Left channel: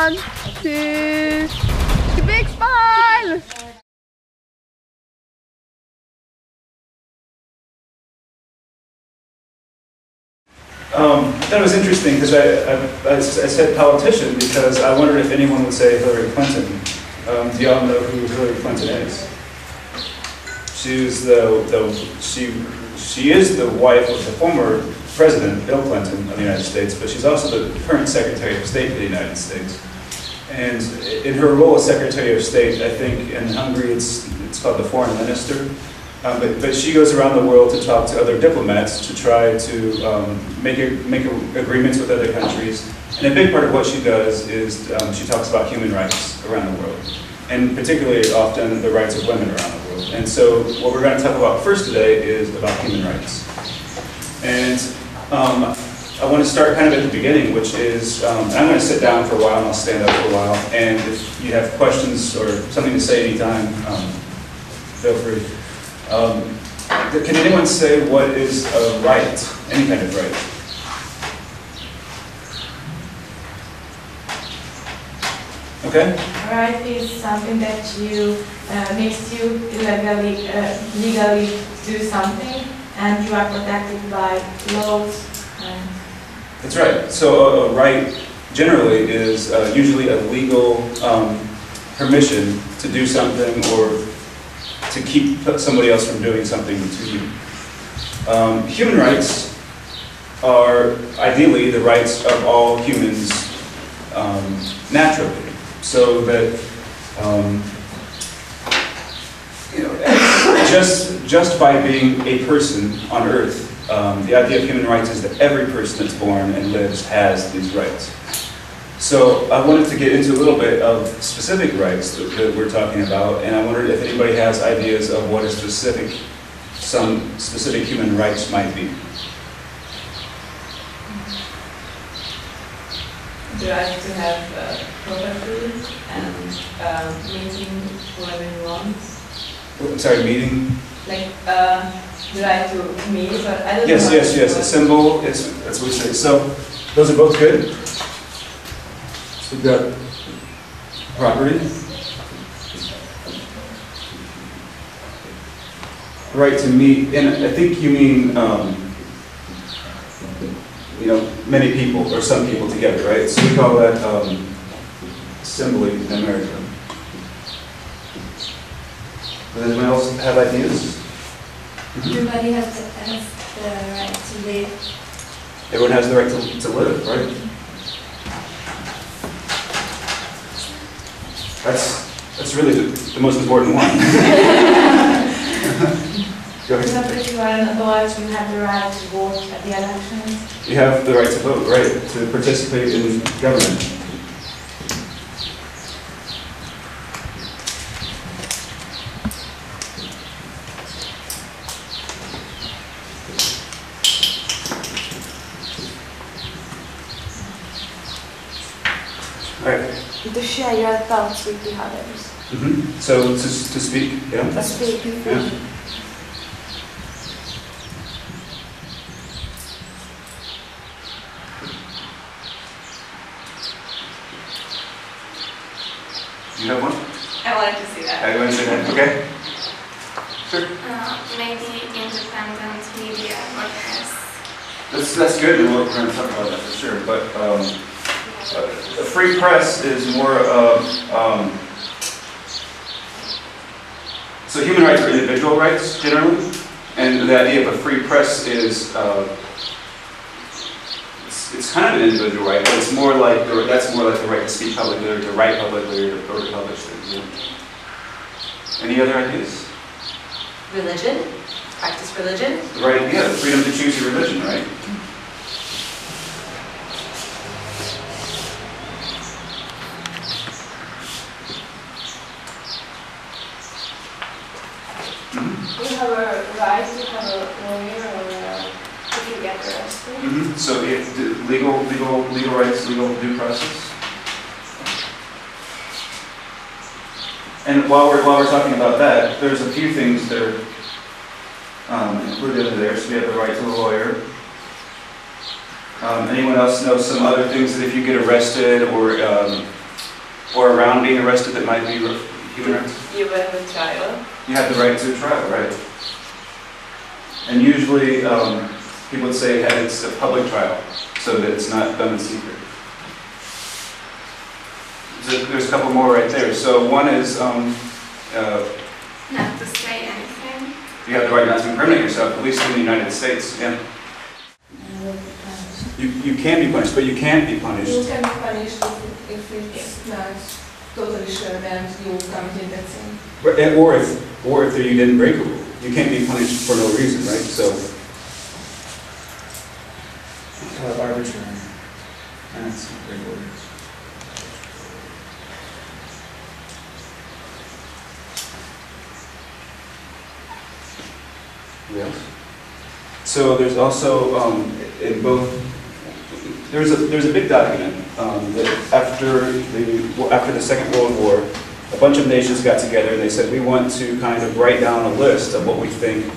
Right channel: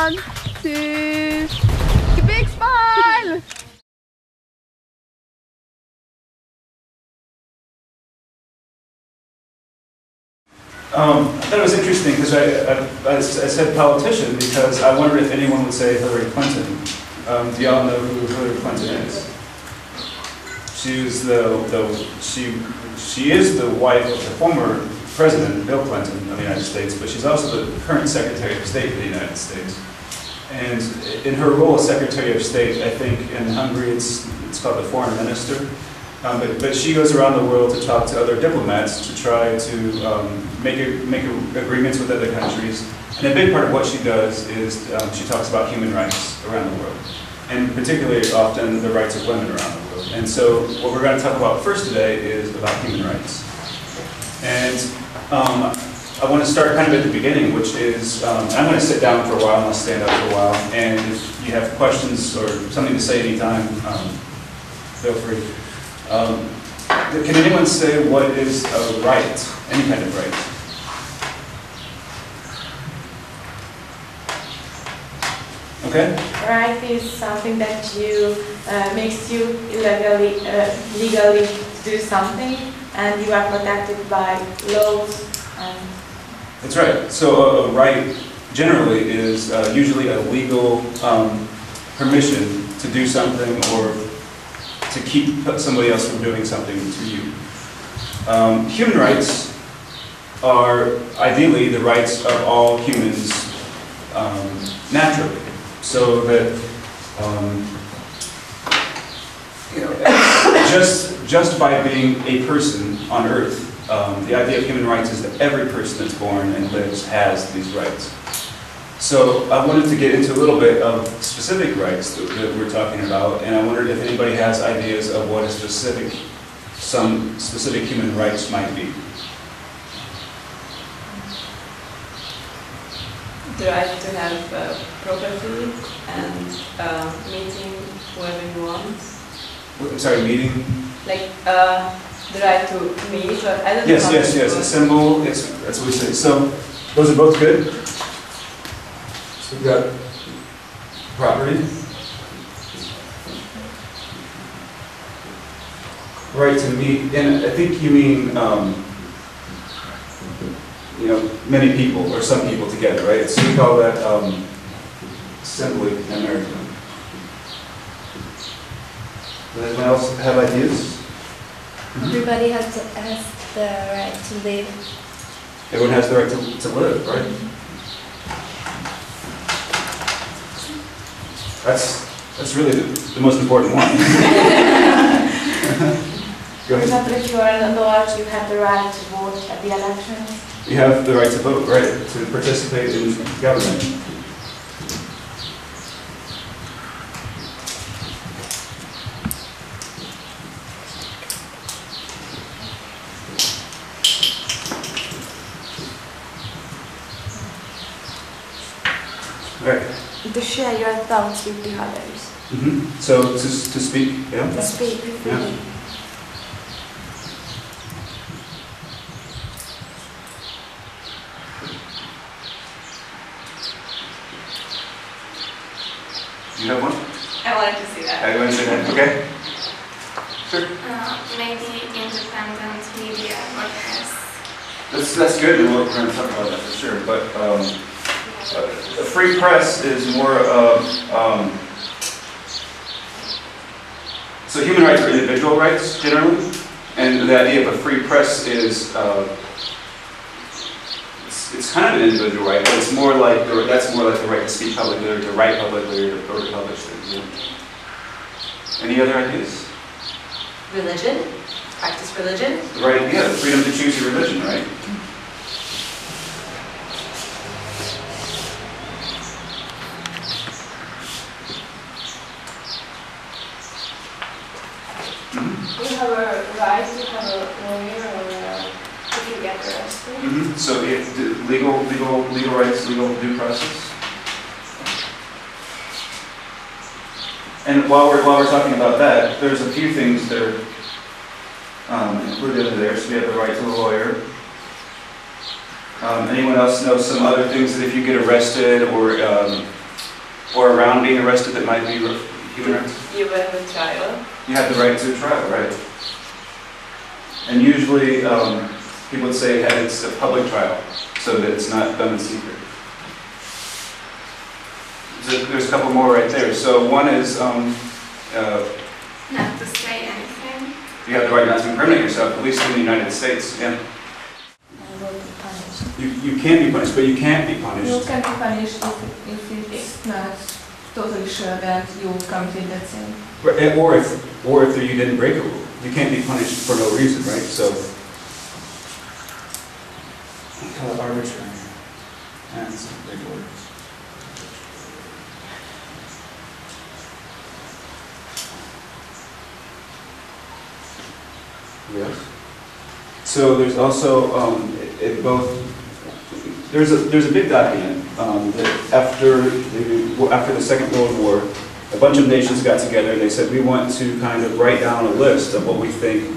1, 2, big smile! I thought it was interesting because I said politician because I wondered if anyone would say Hillary Clinton. Do y'all know who Hillary Clinton is? She was she is the wife of the former President Bill Clinton of the United States, but she's also the current Secretary of State for the United States. And in her role as Secretary of State, I think in Hungary it's called the Foreign Minister. But she goes around the world to talk to other diplomats to try to make agreements with other countries. And a big part of what she does is she talks about human rights around the world, and particularly often the rights of women around the world. And so what we're going to talk about first today is about human rights. And I want to start kind of at the beginning, which is, I'm going to sit down for a while and I'll stand up for a while. And if you have questions or something to say anytime, feel free. Can anyone say what is a right? Any kind of right? Okay. Right is something that you makes you legally do something, and you are protected by laws. That's right. So a right generally is usually a legal permission to do something or to keep somebody else from doing something to you. Human rights are ideally the rights of all humans naturally, so that just by being a person on Earth, the idea of human rights is that every person that's born and lives has these rights. So I wanted to get into a little bit of specific rights that we're talking about, and I wondered if anybody has ideas of what some specific human rights might be. The right to have property and meeting whoever you want. I'm sorry, meeting? Like the right to meet, but I don't know. Yes. A symbol. That's what we say. So those are both good. So we've got property, right to meet, and I think you mean many people or some people together, right? So we call that assembly in America. Does anyone else have ideas? Everybody has the right to live. Everyone has the right to live, right? That's really the most important one. Go ahead. If you are an adult, you have the right to vote at the elections. You have the right to vote, right? To participate in government. Right. To share your thoughts with the others. Mm-hmm. So to speak, yeah? To speak. Yeah. You have one? I wanted to see that. I want to say that. Okay. Sure. Maybe independent media or press. That's good, and we're going to talk about that for sure. But a free press is more of so human rights are individual rights generally, and the idea of a free press is it's kind of an individual right, but it's more like that's more like the right to speak publicly, or to write publicly, or to publish things. Yeah. Any other ideas? Religion? Practice religion? Right, yeah, the freedom to choose your religion, right? You have a right to have a lawyer or if you get arrested. Mm-hmm. So it's legal rights, legal due process. And while we're talking about that, there's a few things that are included in there. So we have the right to a lawyer. Anyone else know some other things that if you get arrested or or around being arrested that might be human rights? You have a trial. You have the right to a trial, right? And usually people would say it's a public trial, so that it's not done in secret. There's a couple more right there. So one is Not to say anything. you have the right not to incriminate yourself, at least in the United States. Yeah. You can be punished, but you can't be punished. You can be punished if it's not totally sure that you will come in that same. Or if you didn't break a rule. You can't be punished for no reason, right? So, arbitrary. That's a big word. Yes. So there's also in both. There's a big document that after the Second World War, a bunch of nations got together and they said we want to kind of write down a list of what we think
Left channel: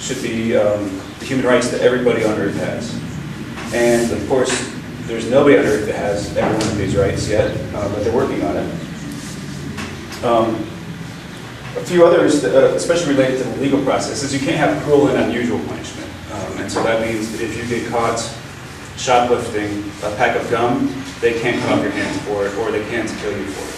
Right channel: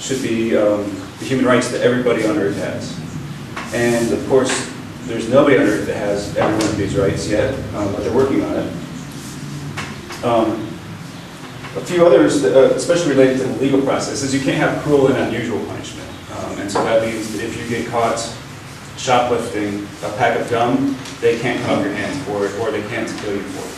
should be the human rights that everybody on Earth has. And of course, there's nobody on Earth that has every one of these rights yet, but they're working on it. A few others, especially related to the legal process, is you can't have cruel and unusual punishment. And so that means that if you get caught shoplifting a pack of gum, they can't cut off your hands for it, or they can't kill you for it.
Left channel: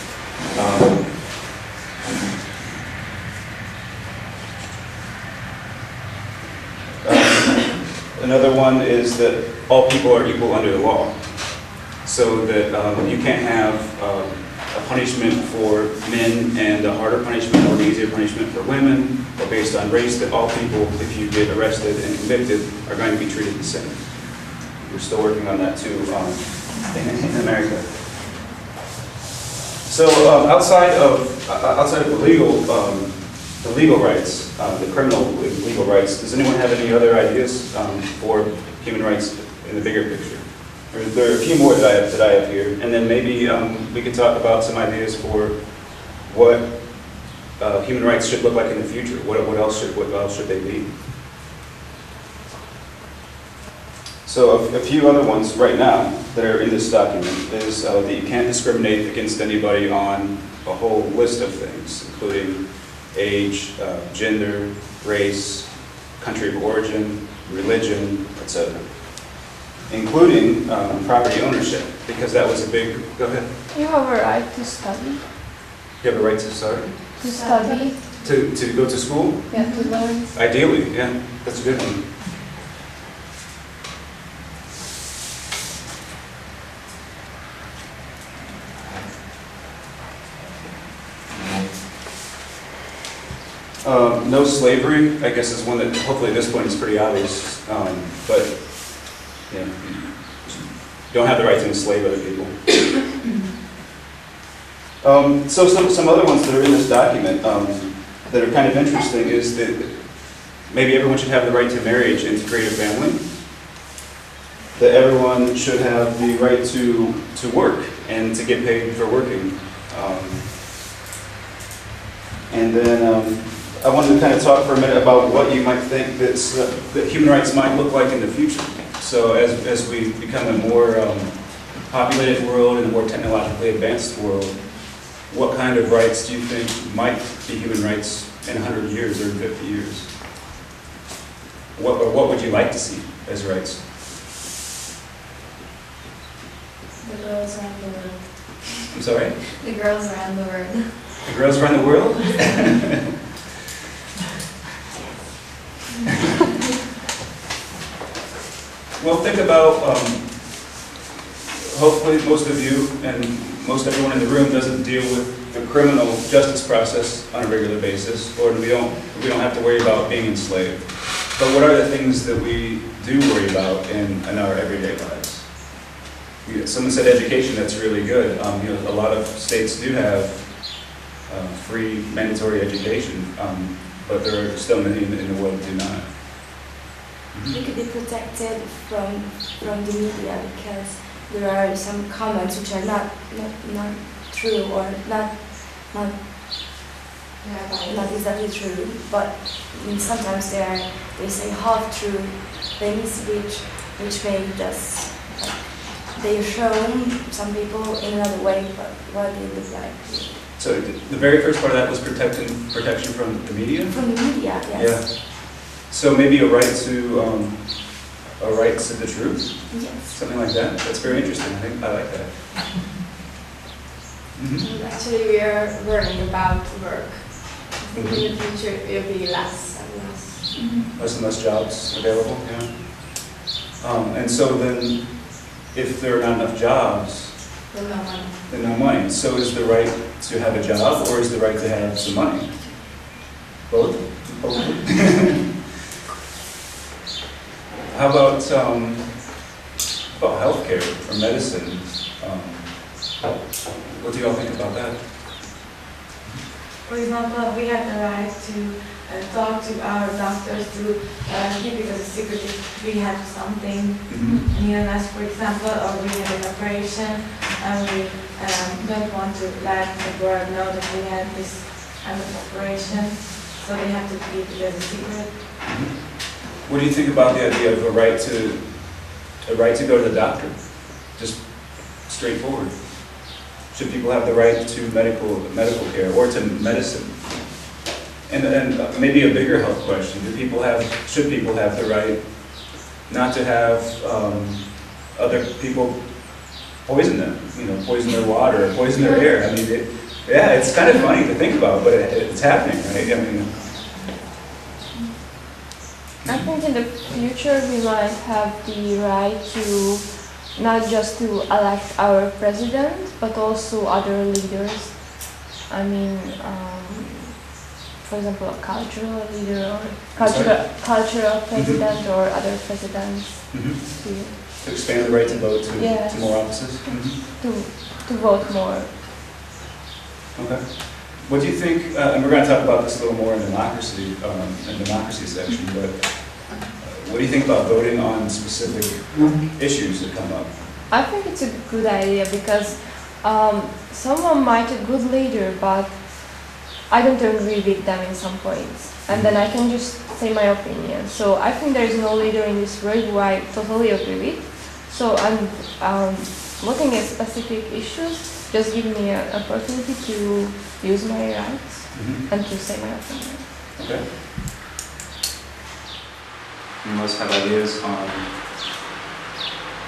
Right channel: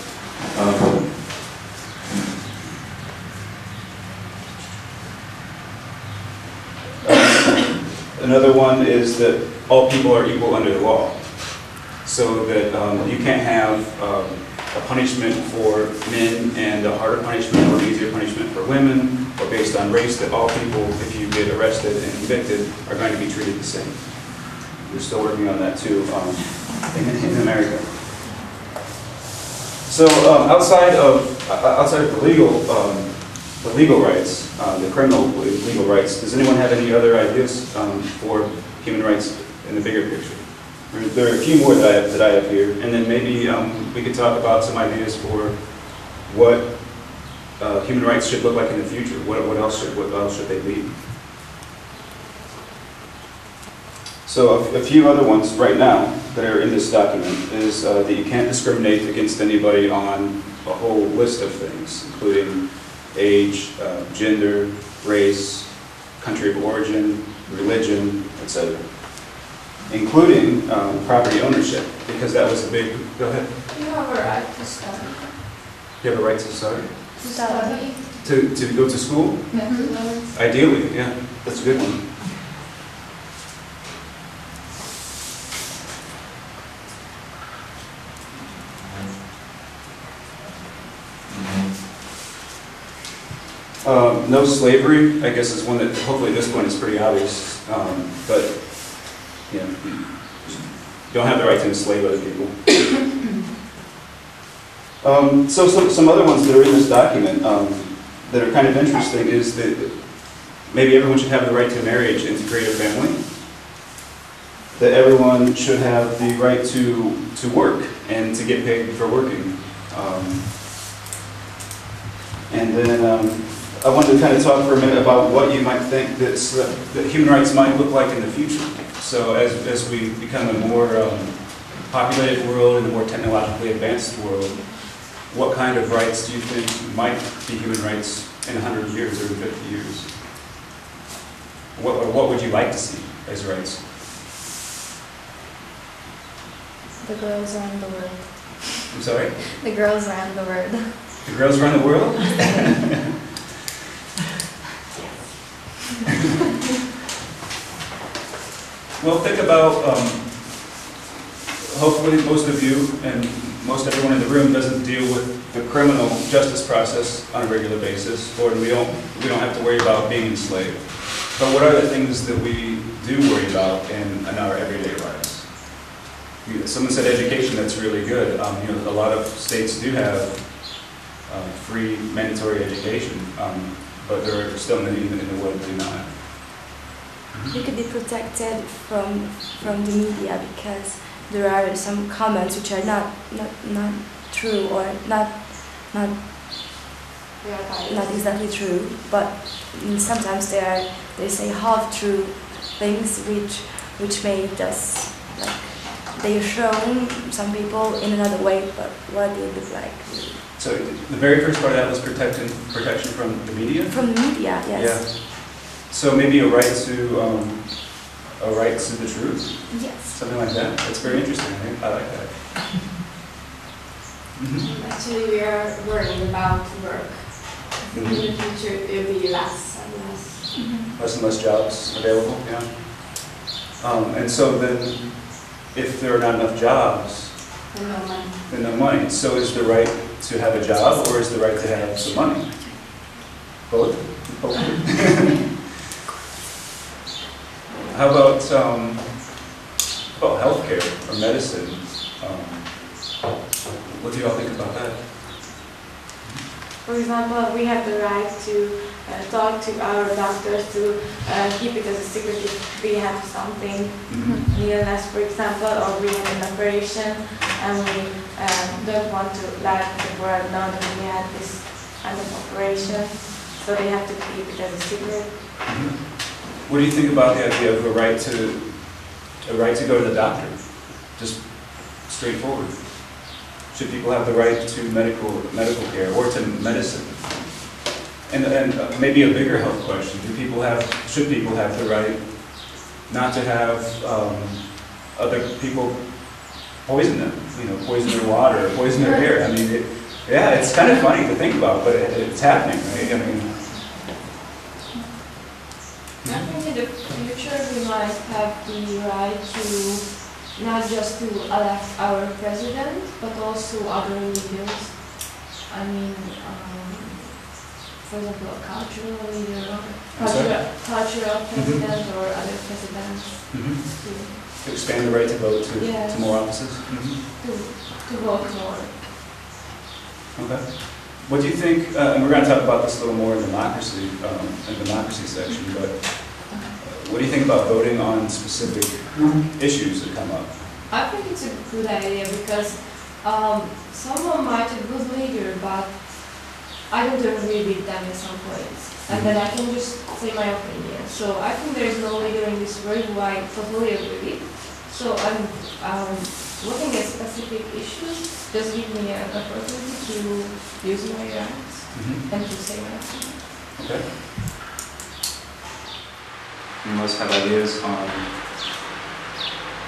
Another one is that all people are equal under the law. So that you can't have a punishment for men and a harder punishment or an easier punishment for women, or based on race, that all people, if you get arrested and convicted, are going to be treated the same. We're still working on that too in America. So outside of the legal rights, the criminal legal rights, does anyone have any other ideas for human rights in the bigger picture? There are a few more that I have here, and then maybe we could talk about some ideas for what human rights should look like in the future. What else should they be? So a few other ones right now that are in this document is that you can't discriminate against anybody on a whole list of things, including age, gender, race, country of origin, religion, etc. Including property ownership, because that was a big. Go ahead. You have a right to study. You have a right to study. To study. To go to school. Yeah, to learn. Ideally, yeah, that's a good one. No slavery, I guess, is one that hopefully at this point is pretty obvious, but you know, you don't have the right to enslave other people. So some other ones that are in this document that are kind of interesting is that maybe everyone should have the right to marriage and to create a family. That everyone should have the right to work and to get paid for working. And then I wanted to kind of talk for a minute about what you might think that human rights might look like in the future. So as we become a more populated world and a more technologically advanced world, what kind of rights do you think might be human rights in 100 years or in 50 years? What would you like to see as rights? The girls around the world. I'm sorry? The girls around the world. The girls around the world? Well, think about, hopefully most of you and most everyone in the room doesn't deal with the criminal justice process on a regular basis, or we don't have to worry about being enslaved. But what are the things that we do worry about in our everyday lives? Someone said education, that's really good. You know, a lot of states do have free mandatory education, but there are still many in the world that do not. You can be protected from the media because there are some comments which are not true or not exactly true, but sometimes they say half true things which may just they shown some people in another way what they would like. So the very first part of that was protection from the media? From the media, yes. Yeah. So maybe a right to the truth? Yes. Something like that? That's very interesting. I like that. Actually, we are worrying about work. I think in the future it will be less and less. Less and less jobs available, yeah. And so then, if there are not enough jobs, Then no money. then no money. So is the right to have a job, or is the right to have some money? Both? How about healthcare or medicine? What do you all think about that? For example, we have the right to talk to our doctors to keep it as a secret if we have something in illness, for example, or we have an operation and we don't want to let the world know that we had this kind of operation, so they have to keep it as a secret. What do you think about the idea of a right to go to the doctor? Just straightforward. Should people have the right to medical care or to medicine? And maybe a bigger health question: should people have the right not to have other people poison them? Poison their water, poison their air. I mean, it's kind of funny to think about, but it's happening, right? I mean, I think in the future we might have the right to not just to elect our president, but also other leaders. I mean, for example, a cultural leader or cultural president or other presidents. To expand the right to vote to more offices? To vote more. Okay. What do you think, and we're going to talk about this a little more in democracy section, but what do you think about voting on specific issues that come up? I think it's a good idea because someone might be a good leader, but I don't agree with them in some points. And then I can just say my opinion. So I think there is no leader in this world who I totally agree with. So I'm looking at specific issues, just give me an opportunity to use my rights and to say my opinion. Okay. You must have ideas on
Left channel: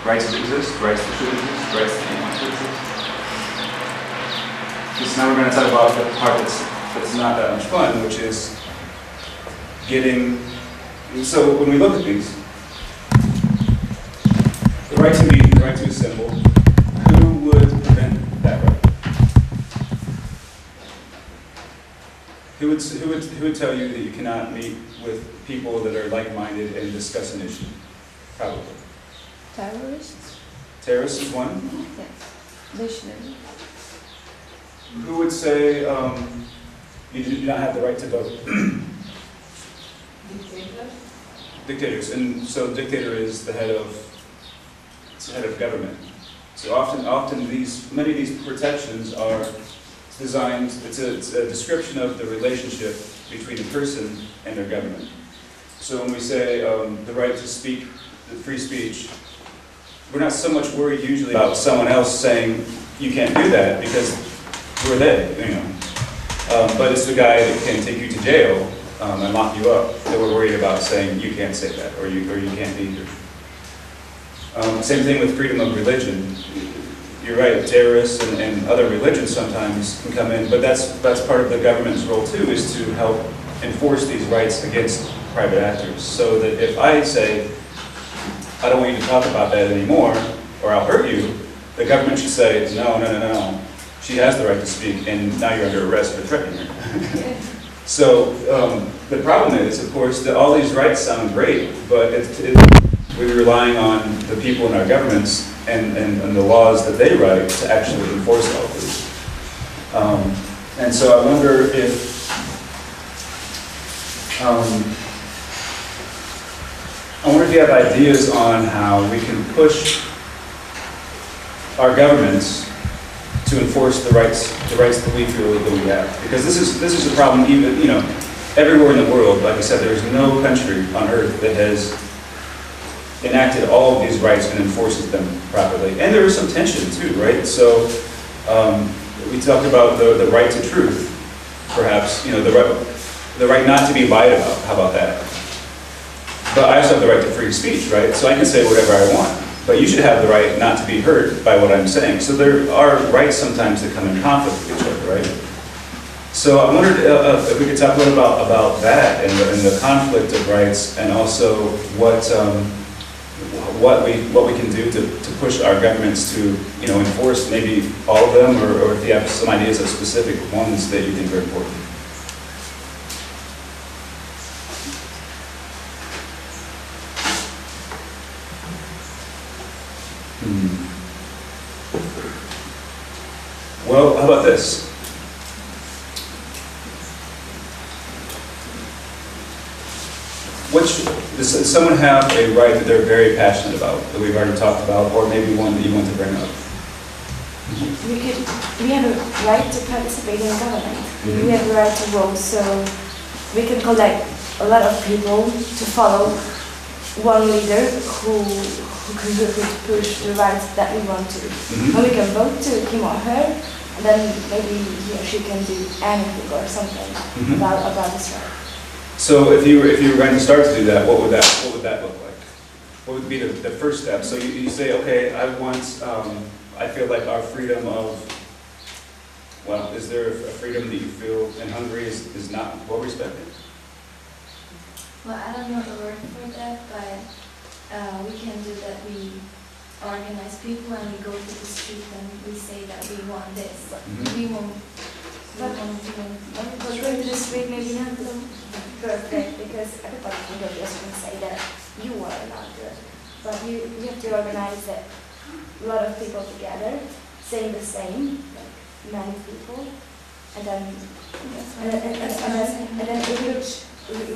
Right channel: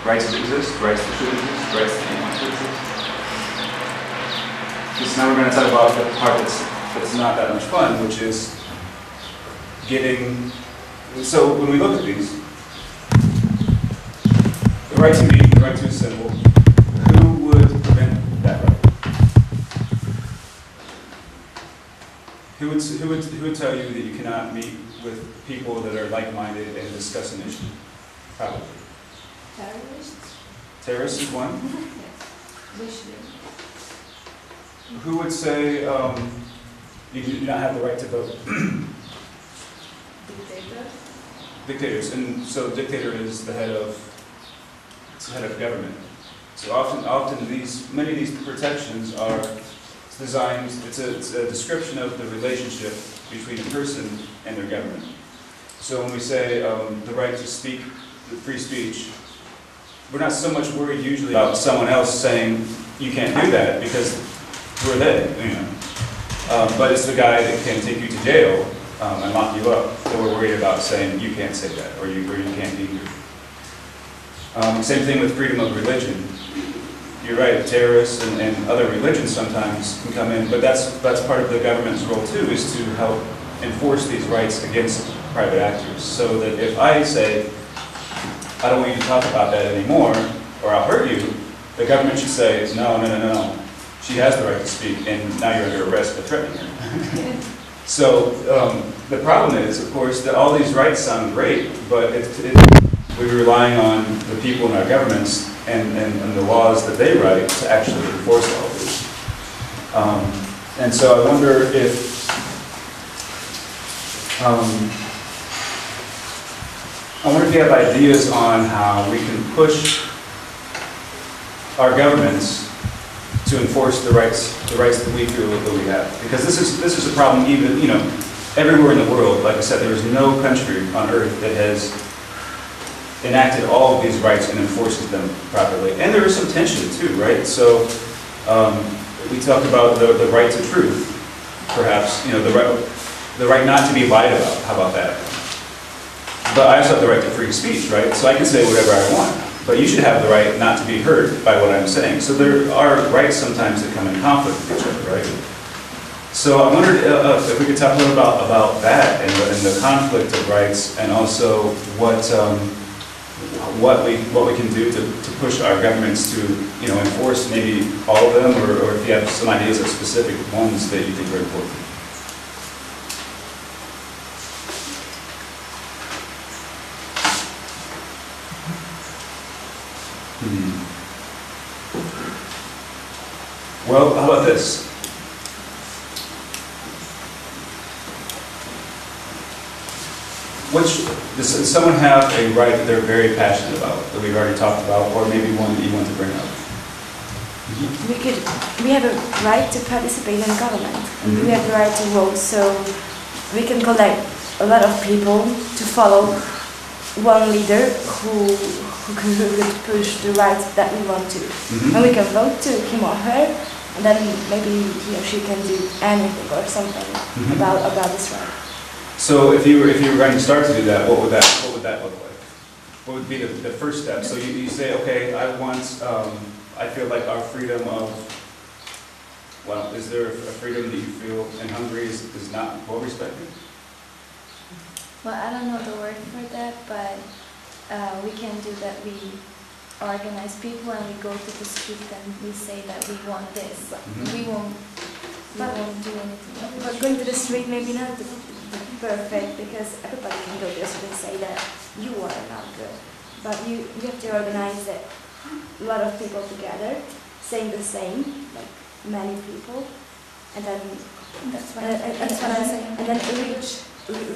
rights that exist, rights that should exist, rights that don't want to exist. So now we're going to talk about the part that's not that much fun, which is so when we look at these, the right to meet and the right to assemble, who would prevent that right? Who would tell you that you cannot meet with people that are like-minded and discuss an issue? Probably. Terrorists? Terrorists is one? Yes. They shouldn't. Who would say you do not have the right to vote? Dictators. Dictators. And so dictator is the head of government. So often many of these protections are designed, it's a description of the relationship between a person and their government. So when we say the right to speak, the free speech, we're not so much worried usually about someone else saying you can't do that, because who are they? But it's the guy that can take you to jail and lock you up that we're worried about saying you can't say that, or you can't be here. Same thing with freedom of religion. You're right, terrorists and other religions sometimes can come in, but that's part of the government's role too, is to help enforce these rights against private actors. So that if I say, I don't want you to talk about that anymore, or I'll hurt you, the government should say, no. She has the right to speak, and now you're under arrest for threatening her. So the problem is, of course, that all these rights sound great, but we're relying on the people in our governments and the laws that they write to actually enforce all of these. And so I wonder if you have ideas on how we can push our governments to enforce the rights that we feel that we have. Because this is a problem even, everywhere in the world. Like I said, there is no country on earth that has enacted all of these rights and enforces them properly. And there is some tension too, right? So we talked about the right to truth, perhaps, you know, the right not to be lied about. How about that? But I also have the right to free speech, right? So I can say whatever I want. But you should have the right not to be heard by what I'm saying. So there are rights sometimes that come in conflict with each other, right? So I wondered if we could talk a little about that and the conflict of rights, and also what we can do to push our governments to, you know, enforce maybe all of them, or if you have some ideas of specific ones that you think are important. Well, how about this? Does someone have a right that they're very passionate about, that we've already talked about, or maybe one that you want to bring up? We have a right to participate in government. We have the right to vote, so we can collect a lot of people to follow one leader who will push the rights that we want to. And we can vote to him or her, then maybe he or she can do anything or something about this right. So if you were going to start to do that, what would that look like? What would be the first step? So you say, okay, I feel like our freedom of, well, is there a freedom that you feel in Hungary is not well respected? Well, I don't know the word for that, but we can do that. We organize people and we go to the street and we say that we want this. We won't do it. This may be perfect, because everybody in the just will say that you are a doctor. But you have to organize it. A lot of people together, saying the same, many people, and then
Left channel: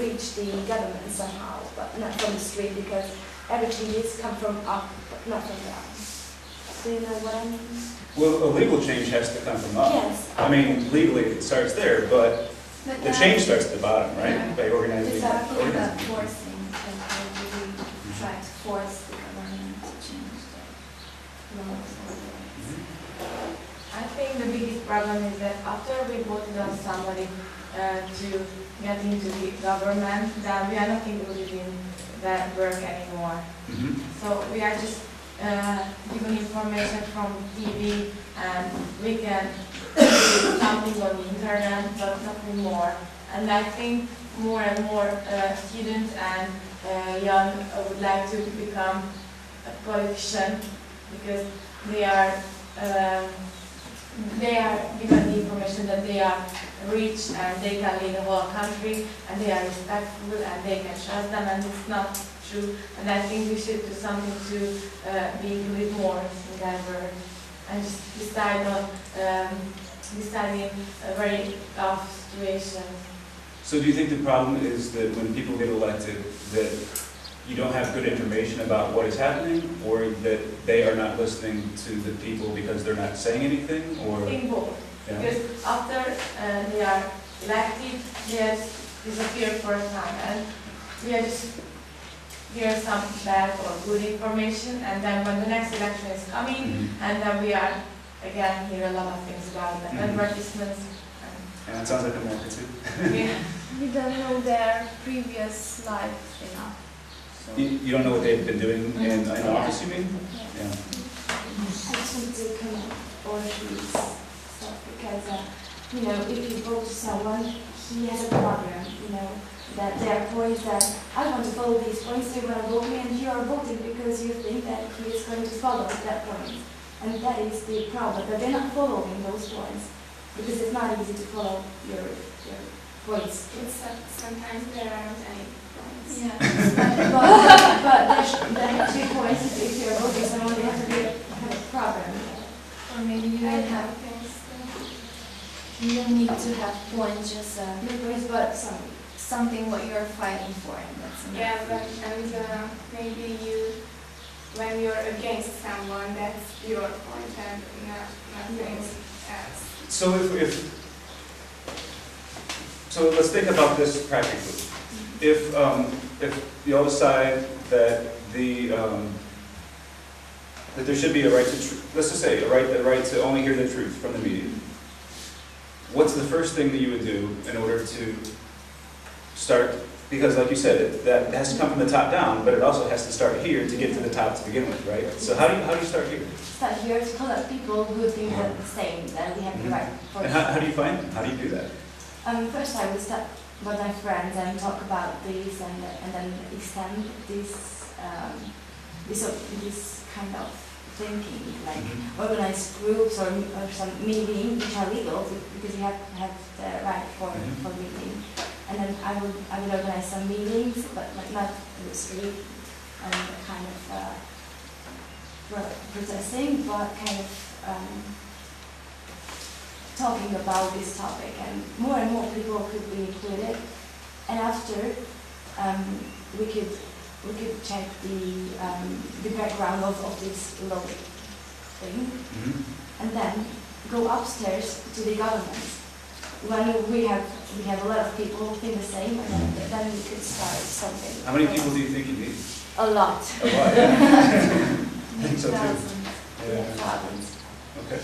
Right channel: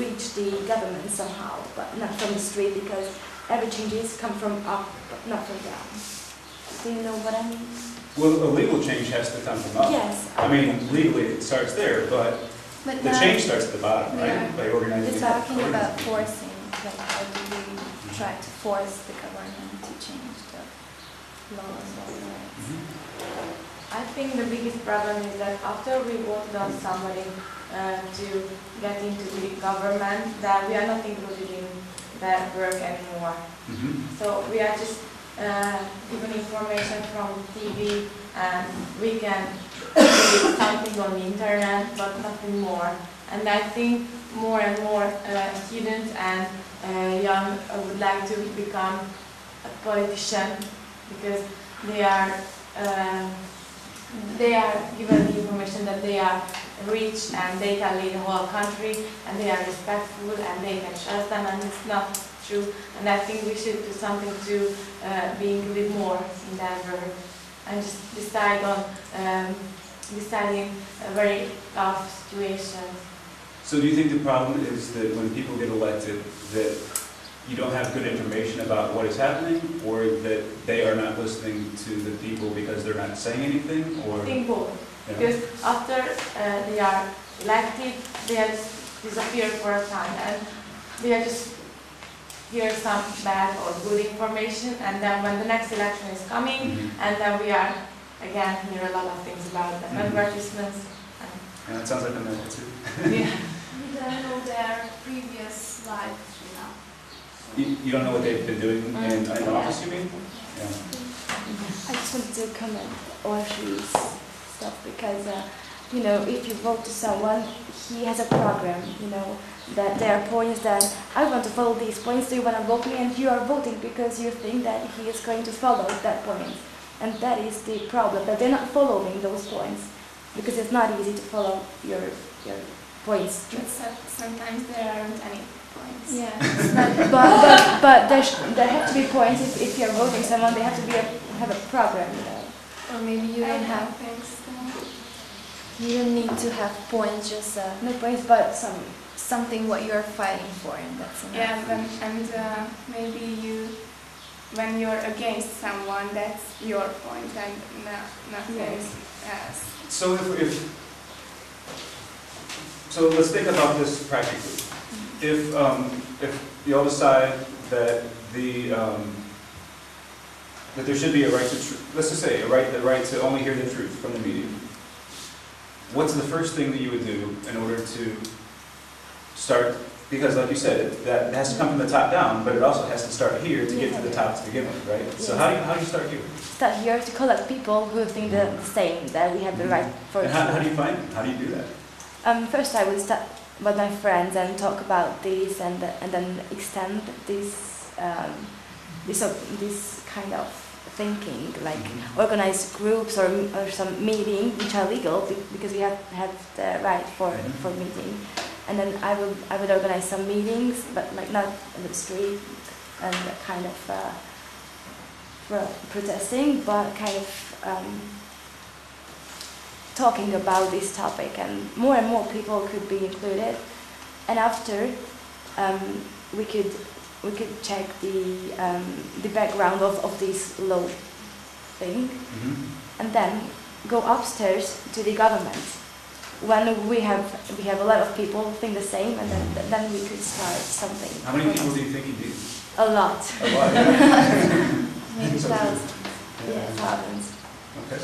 reach the government somehow, but not from the street, because every changes come from up, not from down. Do you know what I mean? Well, a legal change has to come from up. Yes. I mean, legally it starts there, but the change starts at the bottom, right? Yeah. By organizing. We're talking about forcing, we try to force the government to change the laws. I think the biggest problem is that after we voted on somebody to get into the government, that we are not included in that work anymore. So we are just given information from TV, and we can read something on the internet, but nothing more. And I think more and more students and young would like to become a politician, because they are given the information that they are rich and they can lead the whole country and they are respectful and they can trust them, and it's not true. And I think we should do something to be included more in that work and just decide on deciding a very tough situation. So do you think the problem is that when people get elected that you don't have good information about what is happening, or that they are not listening to the people because they're not saying anything, or? I think both. Yeah. Because after they are elected, they just disappear for a time, and they just hear some bad or good information, and then when the next election is coming, and then we are again hear a lot of things about the advertisements. And it sounds like America too. Yeah. We don't know their previous life enough. So. You don't know what they've been doing in office, you mean? Yeah. I just want to comment on these stuff, because you know, if you vote to someone, he has a problem, you know, that there are points that I want to follow these points, so you want to vote, and you are voting because you think that he is going to follow that point. And that is the problem, but they're not following those points, because it's not easy to follow your points. Sometimes there aren't any points. Yeah. but there have to be points. If you're voting someone, they have to have a problem. Or maybe you don't have things. You don't need to have points, just No points, but something what you are fighting for, and that's enough. Yeah, and maybe when you're against someone, that's your point and nothing else. So so let's think about this practically. If you all decide that that there should be a right to, let's just say, a right to only hear the truth from the media. What's the first thing that you would do in order to start? Because, like you said, that has to come from the top down, but it also has to start here to get to the top to begin with, right? So how do you start here? Start here to collect people who think the same, that we have the right for. And how do you find them? How do you do that? First, I would start with my friends and talk about this, and then extend this kind of thinking, like organize groups or some meeting which are legal because you have the right for meeting. And then I would organize some meetings, but like not in the street and kind of protesting, but kind of talking about this topic, and more people could be included. And after we could check the background of this law thing, and then go upstairs to the government. When we have a lot of people who think the same, and then we could start something. How many people do you think you need? A lot. A lot, yeah. I think so too. Thousands. Yeah. Thousands. Okay.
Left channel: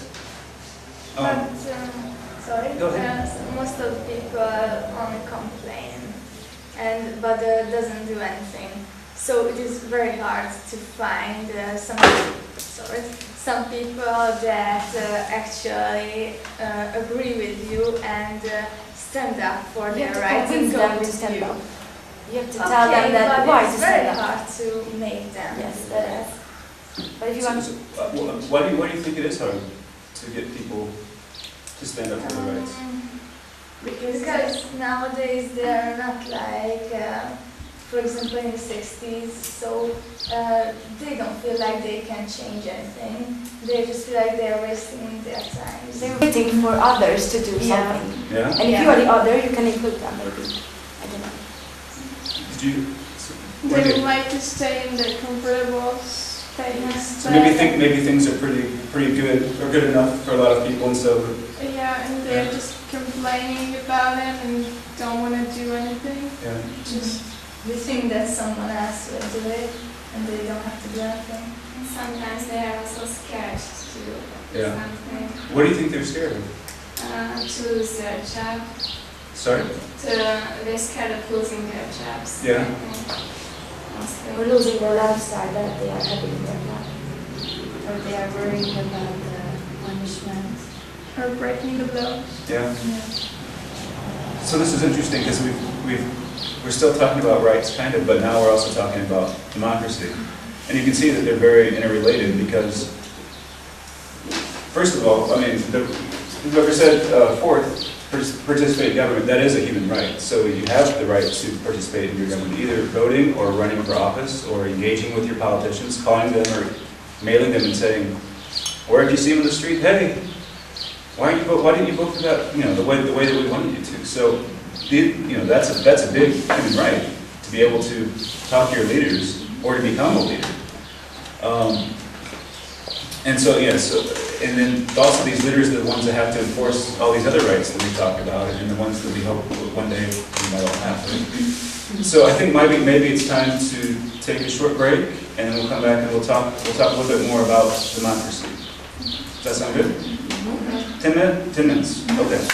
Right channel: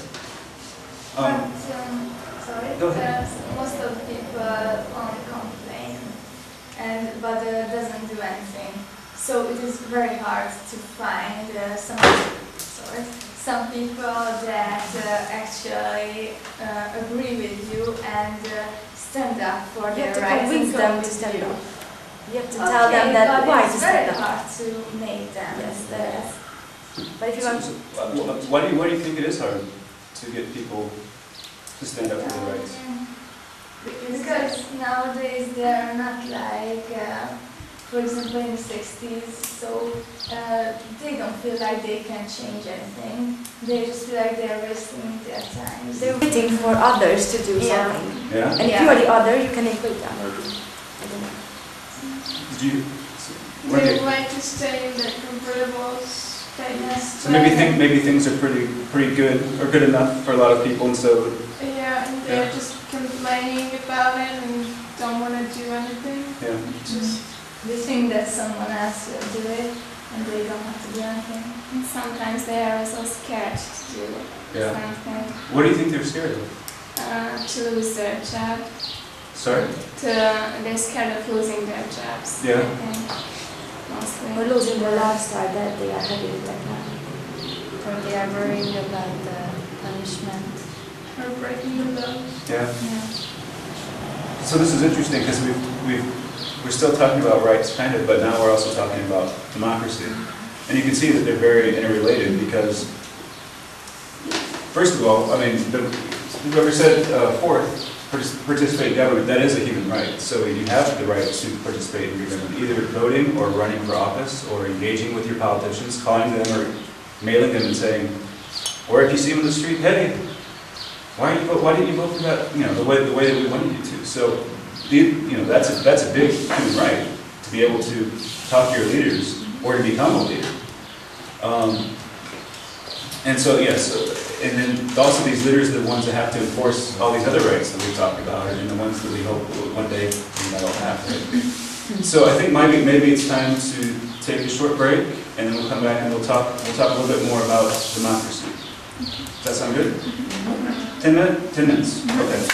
Sorry. Go ahead. Most of the people only complain, but doesn't do anything. So it is very hard to find some people that actually agree with you and stand up for their rights and go with you. Okay, but it's very hard to make them do that. Why do you think it is hard to get people to stand up for their rights? Because nowadays they are not like, for example, in the 60s, so they don't feel like they can change anything. They just feel like they're wasting their time. They're waiting for others to do something. Yeah? And if you're the other, you can include them. Did you? They like to stay in their comfortable space. So maybe things are pretty good or good enough for a lot of people, and so. Yeah, and they're just complaining about it and don't want to do anything. Yeah. Just they think that someone else will do it, and they don't have to do anything. And sometimes they are so scared to do something. What do you think they're scared of? To lose their job. Sorry? They're scared of losing their jobs. Yeah. Mostly. Losing the lifestyle that they are having right now. Or they are worrying about the punishment. Or breaking the law. Yeah. So this is interesting because we're still talking about rights, kind of, but now we're also talking about democracy. And you can see that they're very interrelated because, first of all, I mean, whoever said fourth, participate in government, that is a human right. So you have the right to participate in your government, either voting or running for office or engaging with your politicians, calling them or mailing them and saying, or if you see them in the street, hey, why didn't you vote for that, the way that we wanted you to? So, that's a big human right, to be able to talk to your leaders or to become a leader. And so, yes, and then also these leaders are the ones that have to enforce all these other rights that we talk about, and the ones that we hope one day we might all have. Right? So I think maybe it's time to take a short break, and then we'll come back and we'll talk a little bit more about democracy. Does that sound good? 10 minutes? 10 minutes. Okay.